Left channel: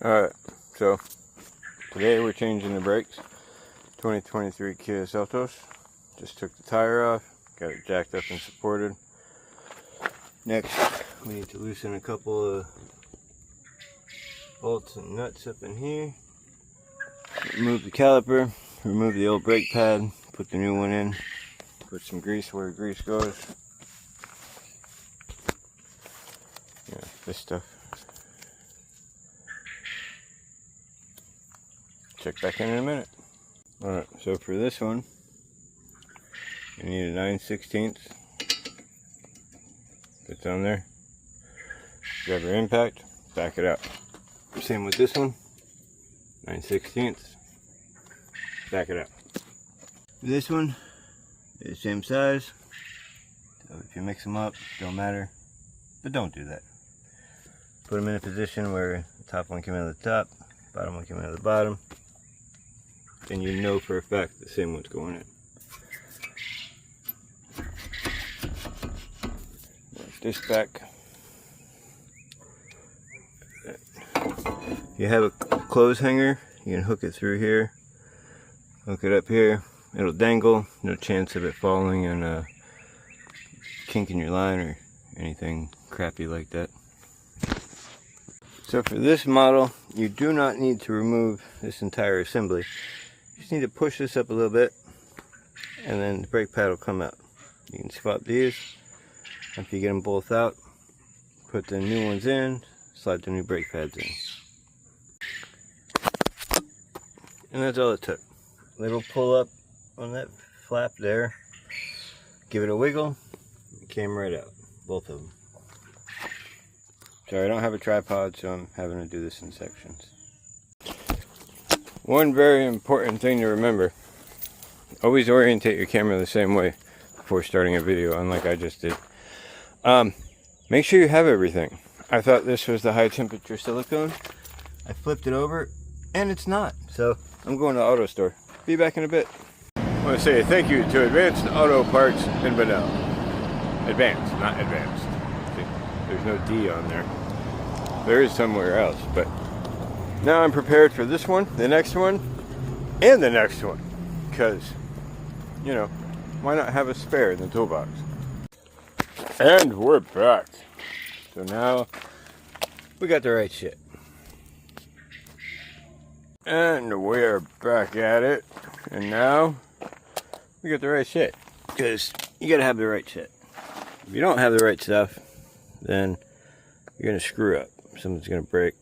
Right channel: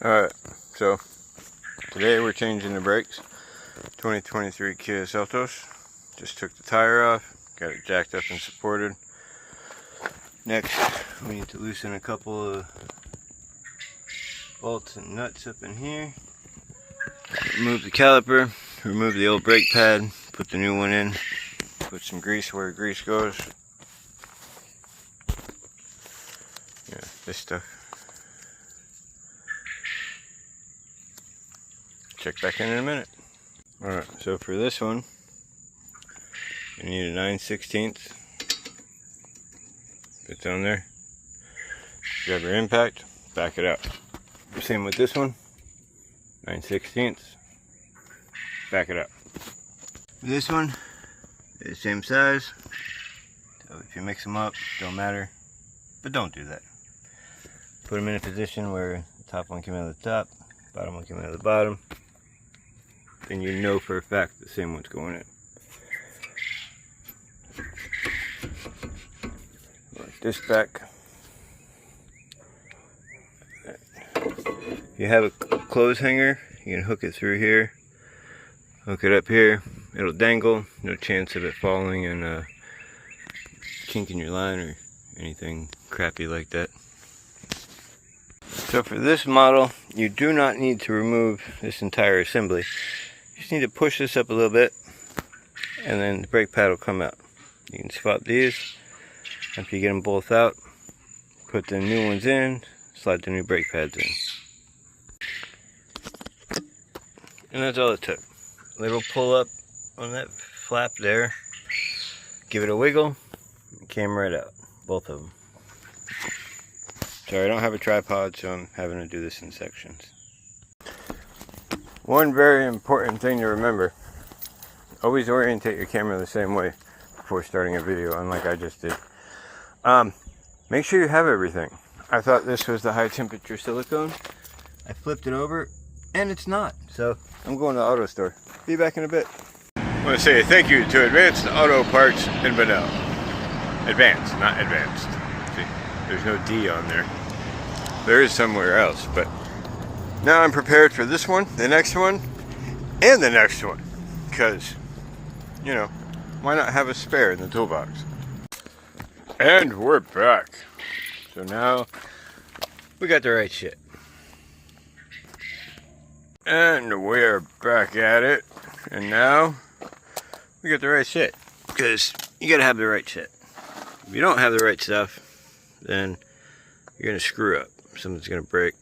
Alright, so today we're changing the brakes. 2023 Kia Seltos. Just took the tire off, got it jacked up and supported. Next, we need to loosen a couple of bolts and nuts up in here. Remove the caliper, remove the old brake pad, put the new one in, put some grease where grease goes. Yeah, this stuff. Check back in a minute. Alright, so for this one, you need a 9/16. It's on there. Grab your impact, back it up. Same with this one, 9/16. Back it up. This one is same size. So if you mix them up, don't matter. But don't do that. Put them in a position where the top one came out of the top, bottom one came out of the bottom. Then you know for a fact the same one's going in. Like this back. If you have a clothes hanger, you can hook it through here. Hook it up here. It'll dangle. No chance of it falling and kinking your line or anything crappy like that. So for this model, you do not need to remove this entire assembly. You just need to push this up a little bit and then the brake pad will come out. You can swap these. After you get them both out, put the new ones in, slide the new brake pads in. And that's all it took. Little pull up on that flap there. Give it a wiggle. It came right out. Both of them. Sorry, I don't have a tripod, so I'm having to do this in sections. One very important thing to remember. Always orientate your camera the same way before starting a video, unlike I just did. Make sure you have everything. I thought this was the high temperature silicone. I flipped it over, and it's not. So I'm going to the auto store. Be back in a bit. I want to say thank you to Advanced Auto Parts in Bunnell. Advanced, not advanced. See, there's no D on there. There is somewhere else, but now I'm prepared for this one, the next one, and the next one. Because, you know, why not have a spare in the toolbox? And we're back. So now we got the right shit. And we're back at it. And now we got the right shit. Because you gotta have the right shit. If you don't have the right stuff, then you're gonna screw up. Something's gonna break.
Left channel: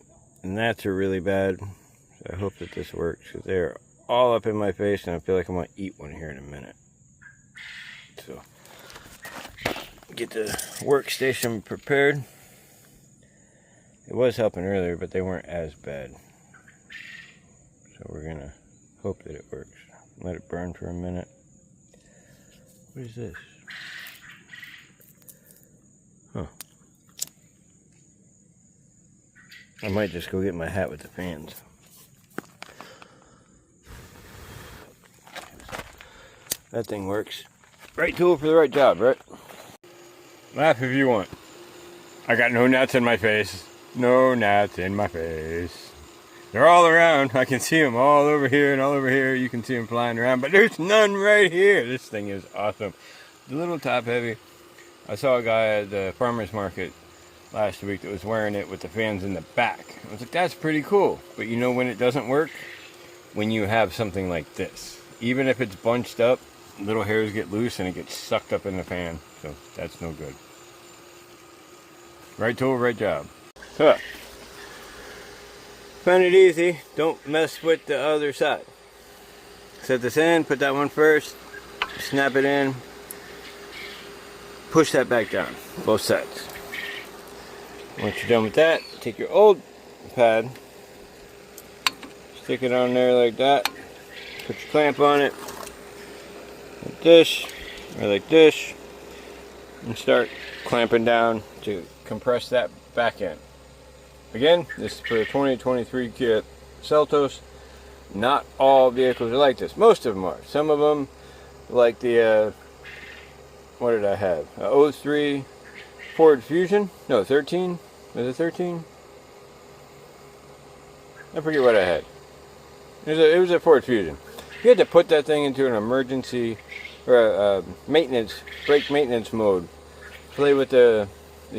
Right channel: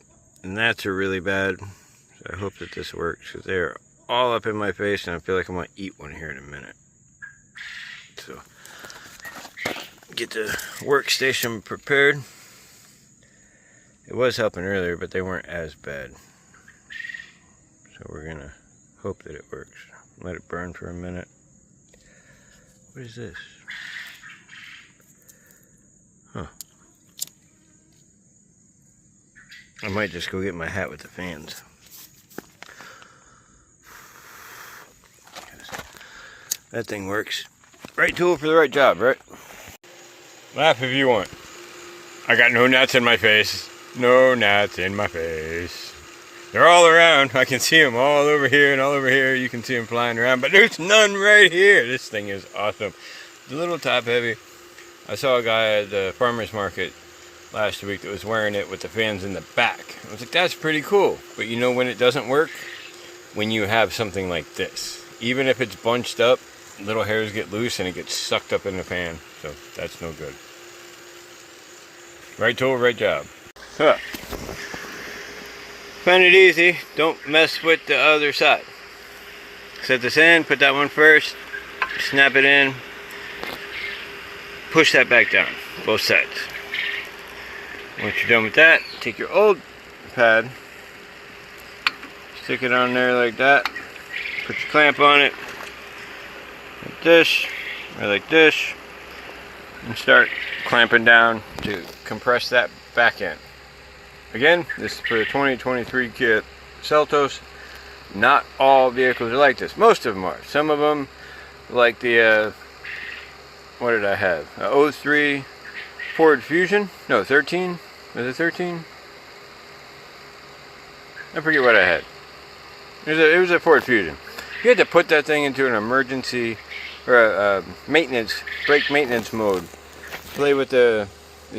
And that's a really bad. So I hope that this works, because they're all up in my face and I feel like I'm gonna eat one here in a minute. So get the workstation prepared. It was helping earlier, but they weren't as bad. So we're gonna hope that it works. Let it burn for a minute. What is this? Huh. I might just go get my hat with the fans. That thing works. Right tool for the right job, right? Laugh if you want. I got no gnats in my face. No gnats in my face. They're all around. I can see them all over here and all over here. You can see them flying around, but there's none right here. This thing is awesome. It's a little top heavy. I saw a guy at the farmer's market last week that was wearing it with the fans in the back. I was like, that's pretty cool. But you know when it doesn't work? When you have something like this. Even if it's bunched up, little hairs get loose and it gets sucked up in the fan. So that's no good. Right tool, right job. Huh. Find it easy. Don't mess with the other side. Set this in, put that one first, snap it in, push that back down, both sides. Once you're done with that, take your old pad, stick it on there like that, put your clamp on it, like this, or like this, and start clamping down to compress that back end. Again, this is for the 2023 Kia Seltos. Not all vehicles are like this. Most of them are. Some of them, like the, what did I have? 03 Ford Fusion? No, 13. Was it 13? I forget what I had. It was a Ford Fusion. You had to put that thing into an emergency or a brake maintenance mode. Play with the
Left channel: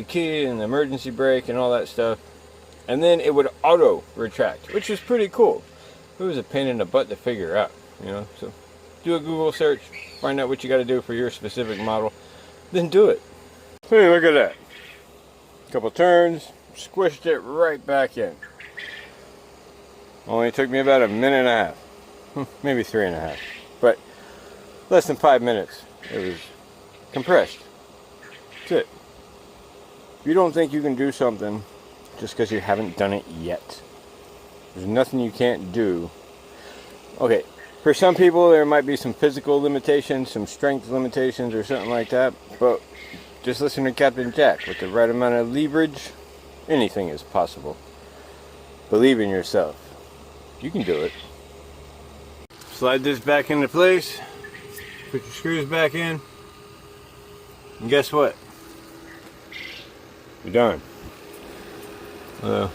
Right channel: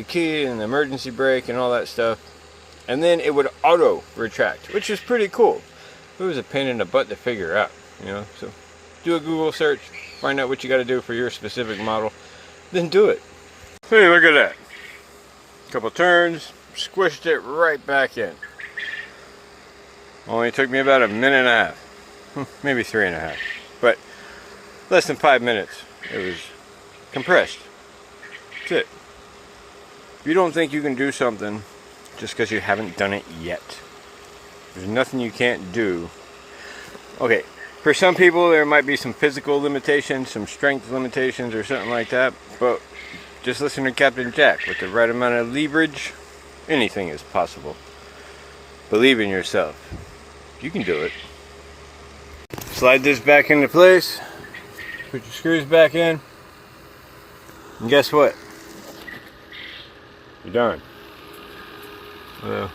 key and the emergency brake and all that stuff. And then it would auto retract, which is pretty cool. It was a pain in the butt to figure out, you know. So do a Google search, find out what you got to do for your specific model, then do it. Hey, look at that. Couple turns, squished it right back in. Only took me about a minute and a half, maybe 3.5, but less than 5 minutes. It was compressed. That's it. If you don't think you can do something just because you haven't done it yet, there's nothing you can't do. Okay, for some people there might be some physical limitations, some strength limitations or something like that, but just listen to Captain Jack. With the right amount of leverage, anything is possible. Believe in yourself. You can do it. Slide this back into place. Put your screws back in. And guess what? You're done. Well,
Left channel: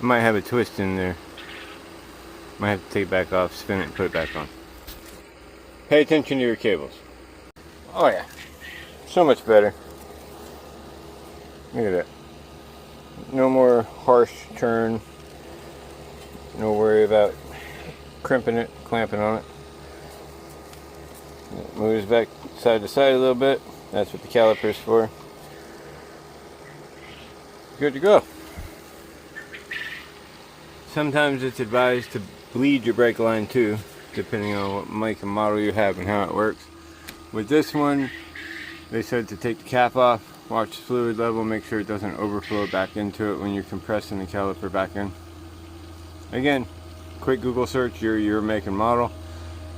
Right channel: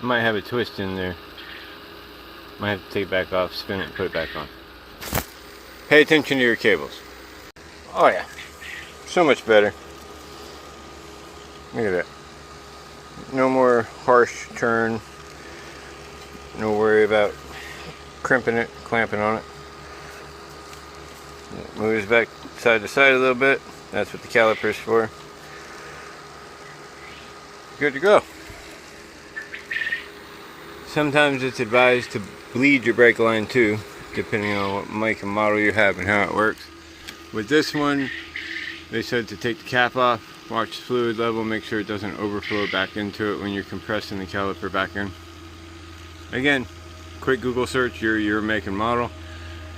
I might have a twist in there. Might have to take it back off, spin it, and put it back on. Pay attention to your cables. Oh yeah, so much better. Look at that. No more harsh turn. No worry about crimping it, clamping on it. It moves back side to side a little bit. That's what the caliper's for. Good to go. Sometimes it's advised to bleed your brake line too, depending on what make and model you have and how it works. With this one, they said to take the cap off, watch the fluid level, make sure it doesn't overflow back into it when you're compressing the caliper back in. Again, quick Google search your make and model.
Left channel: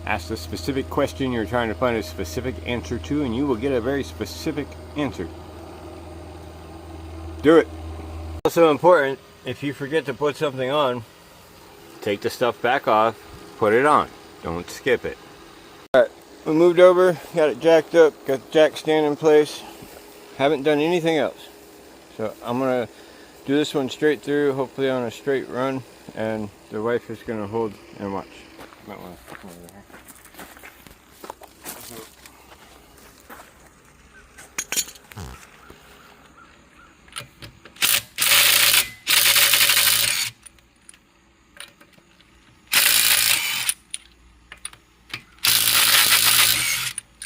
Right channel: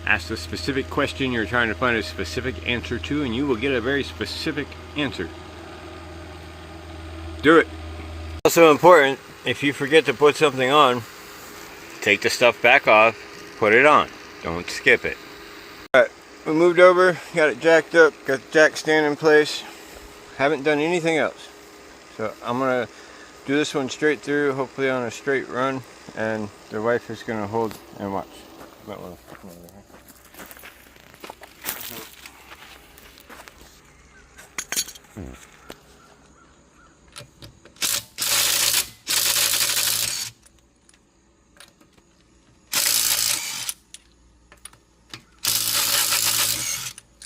Ask the specific question you're trying to find a specific answer to, and you will get a very specific answer. Do it. Also important, if you forget to put something on, take the stuff back off, put it on. Don't skip it. Alright, we moved over, got it jacked up, got the jack stand in place. Haven't done anything else. So I'm going to do this one straight through, hopefully on a straight run, and the wife is going to hold and watch.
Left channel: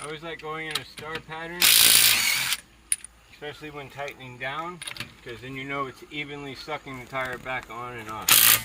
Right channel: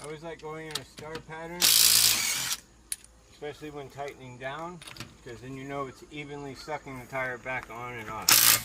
I always like going in a star pattern, especially when tightening down, because then you know it's evenly sucking the tire back on and off.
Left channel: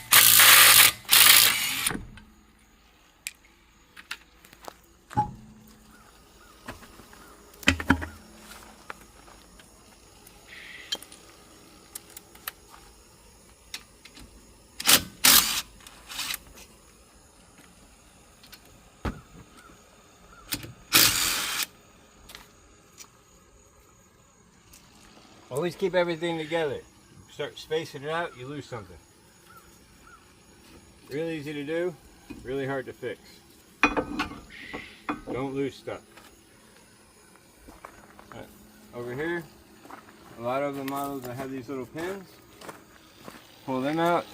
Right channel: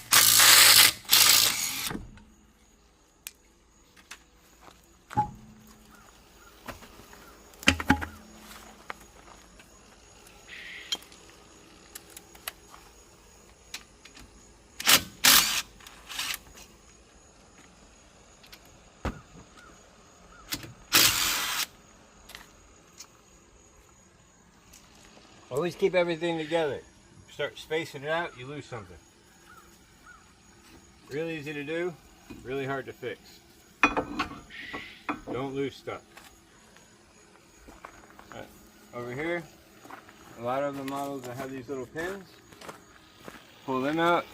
Always keep everything together. Start spacing it out, you lose something. Really easy to do, really hard to fix. Don't lose stuff. Right. Over here, a lot of the models that have these little pins, pull them out,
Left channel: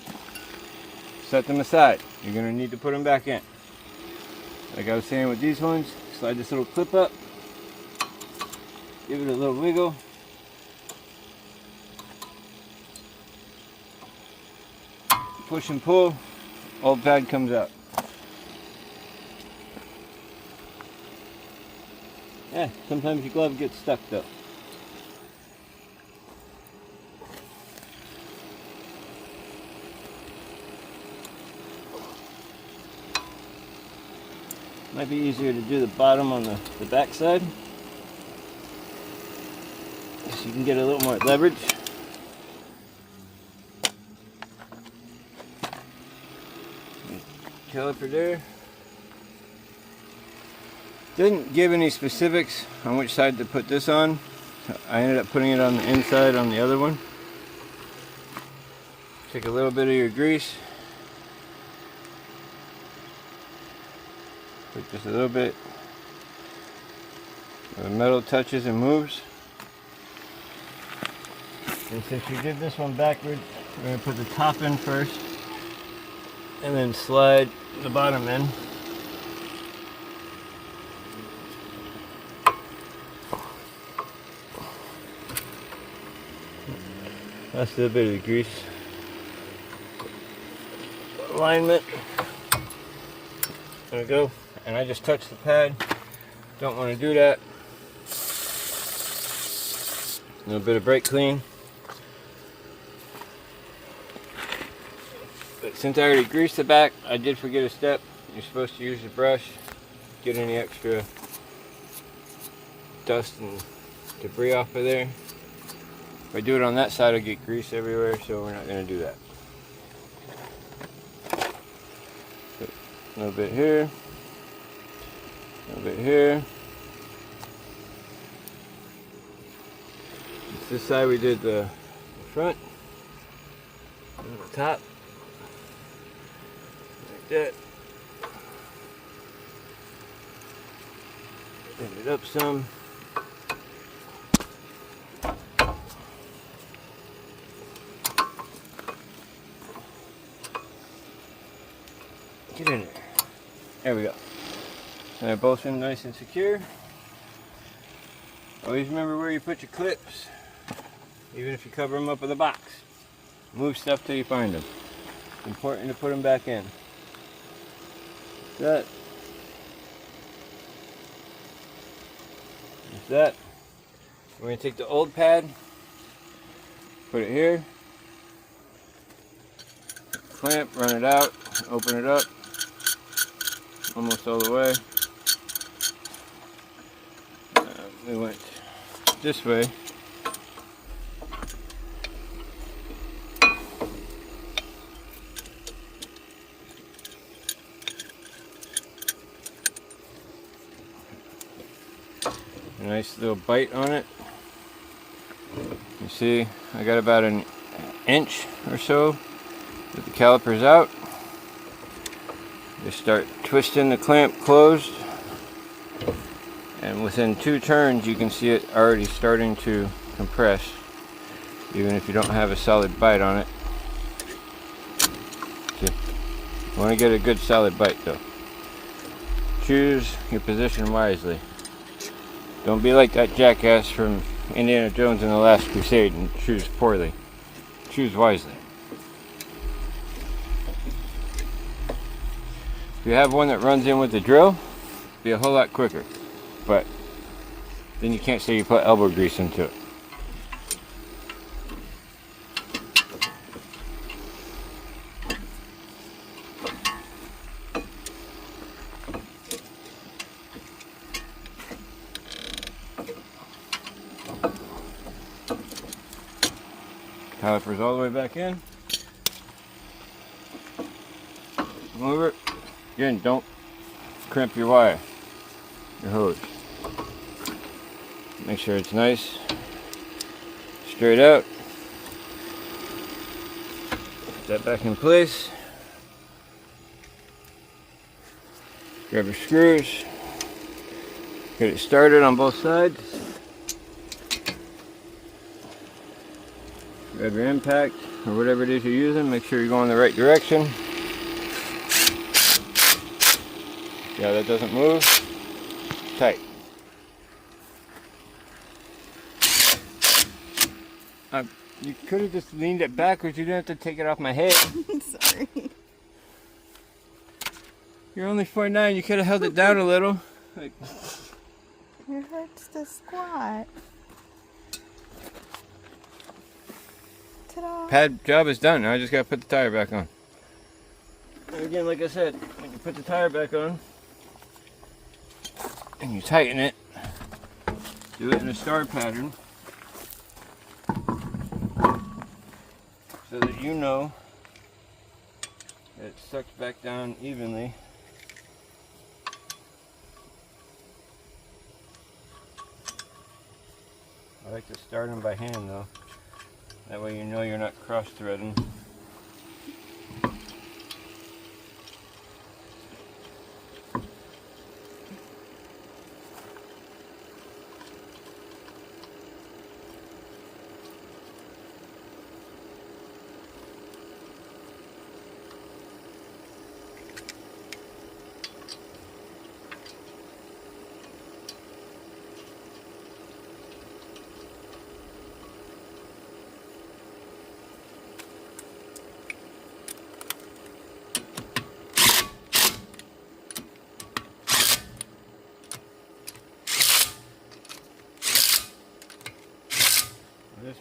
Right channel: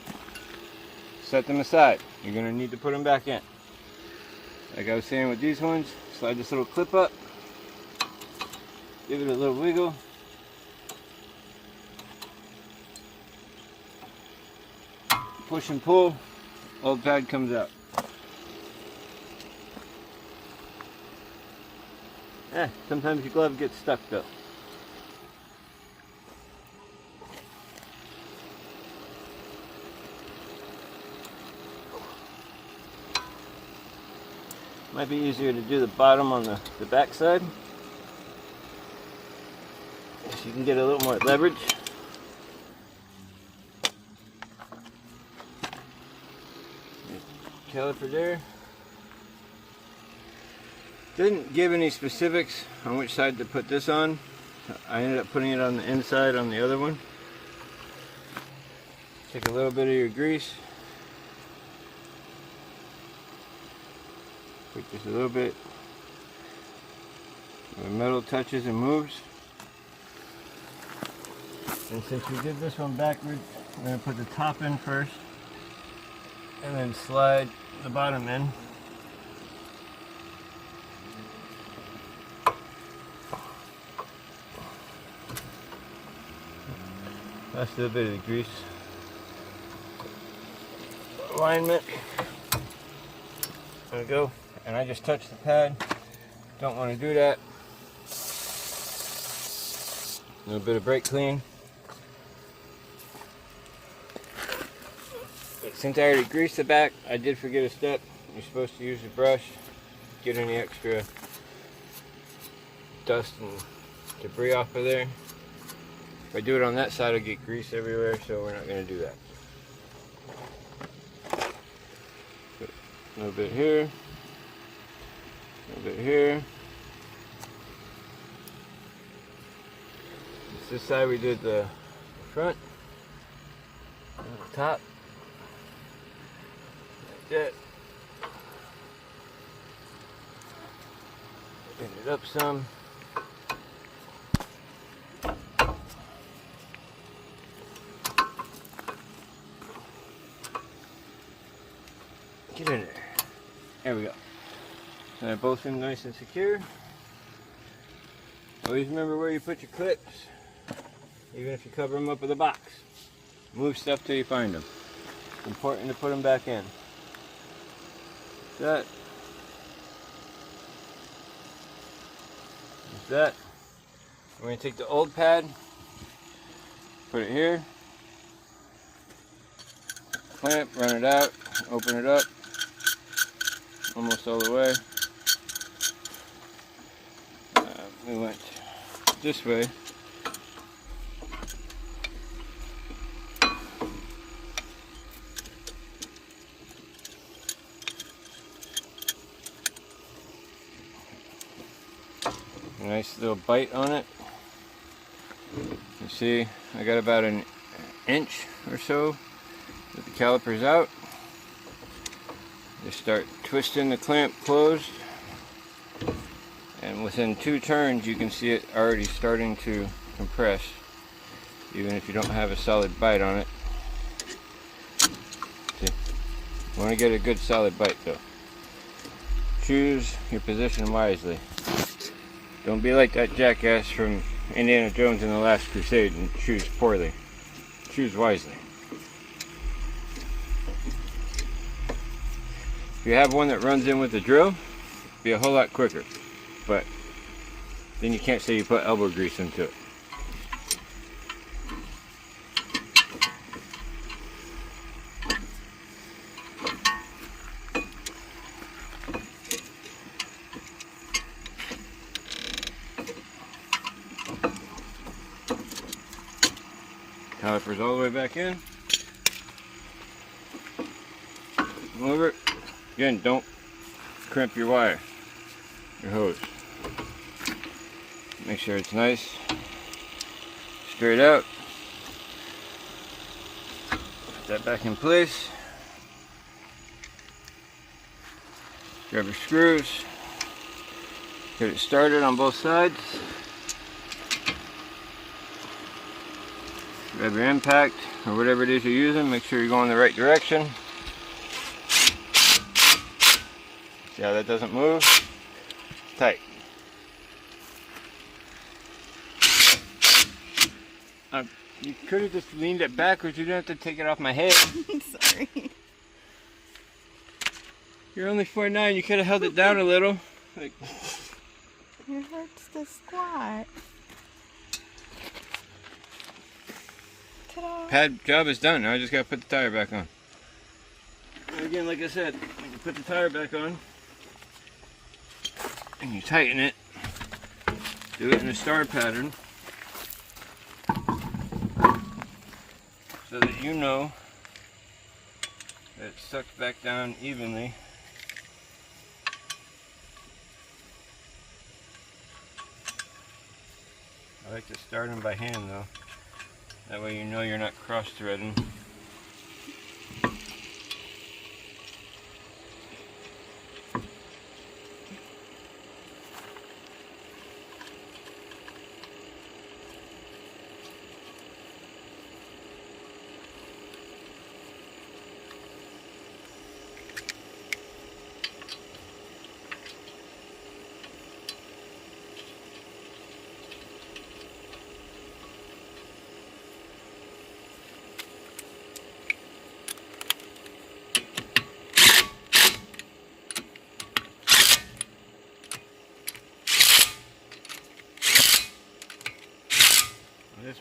set them aside. You're going to need to put them back in. Like I was saying with these ones, slide this little clip up, give it a little wiggle. Push and pull, old pad comes out. Yeah, sometimes your glove gets stuck though. Might be easier to do the bottom on the back side, so you can get a little more leverage. Caliper there. Didn't give any specifics on which side to put this on. I ended up putting it on the inside on the other one. Take a little bit of your grease. Put just a little bit. The metal touches and moves. And since you did this one backwards, We're going to put the top in first and then slide the bottom in. That's a bit of the grease alignment. There we go. And I just touched the pad. Don't want to do that. A little bit of brake clean. But since I already greased the back, I did forget a step. You're supposed to use the brush, get any extra dust and debris off of there. If I do it on that side, I get grease everywhere, so we're not going to do that. A little bit here, a little bit here. This side we did the front and the top, like that. Bring it up some. Get in there. There we go. So they're both in nice and secure. Always remember where you put your clips, even if you cover them up with a box. Move stuff till you find them. It's important to put them back in. That. That's that. We're going to take the old pad, put it here, clamp, run it out, open it up, almost all the way. We went this way. A nice little bite on it. You see, I got about an inch or so with the calipers out. Just start twisting the clamp closed, and within 2 turns you can see it already starting to compress, even if you don't have a solid bite on it. See? You want to get a good solid bite though. Choose your position wisely. Don't be like that jackass from Indiana Jones in the Last Crusade and choose poorly. Choose wisely. If you have one that runs in with the drill, it'll be a whole lot quicker. But then you can't say you put elbow grease into it. Calipers all the way back in. Over it. Again, don't crimp your wire, your hose. Make sure it's nice, straight out. Put that back in place. Grab your screws. Get it started on both sides. Grab your impact or whatever it is you're using. Make sure you're going the right direction. Yeah, that doesn't move. Tight. You could have just leaned it backwards. You didn't have to take it off my head. Sorry. You're only 4'9". You could have held it down a little. Like, it hurts to squat. Ta-da. pad job is done. Now I just got to put the tire back on. And again, like I said, you can put the tire back on. And you tighten it. Do it in a star pattern. So that you know that it sucks back down evenly. I like to start them by hand though. That way you know you're not cross-threading.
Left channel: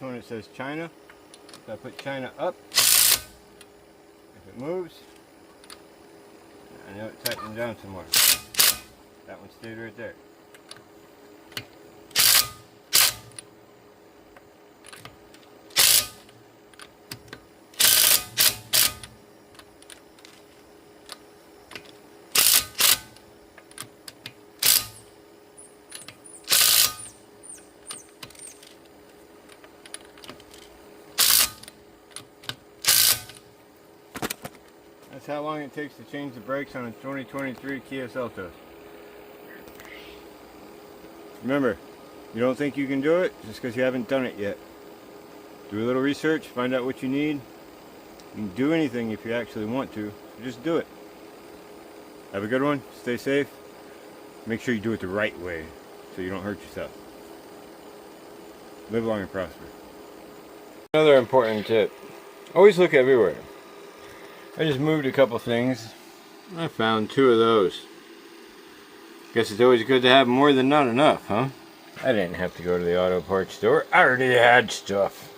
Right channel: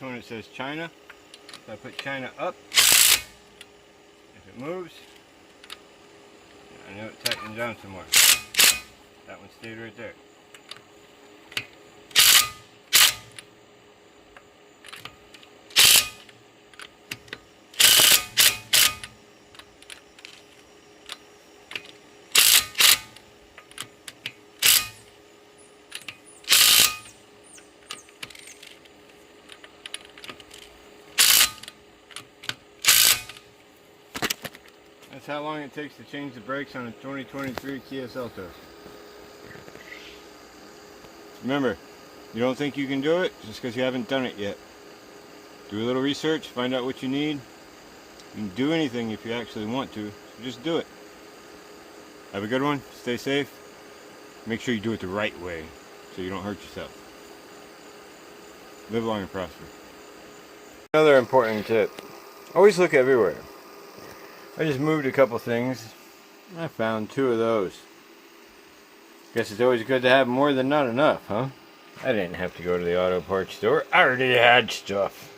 one it says China. So I put China up. If it moves, I know it tightened down some more. That one stayed right there. That's how long it takes to change the brakes on a 2023 Kia Seltos. Remember, you don't think you can do it just because you haven't done it yet. Do a little research, find out what you need. You can do anything if you actually want to. Just do it. Have a good one. Stay safe. Make sure you do it the right way so you don't hurt yourself. Live long and prosper. Another important tip. Always look everywhere. I just moved a couple things. I found 2 of those. Guess it's always good to have more than not enough, huh? I didn't have to go to the auto parts store. I already had stuff.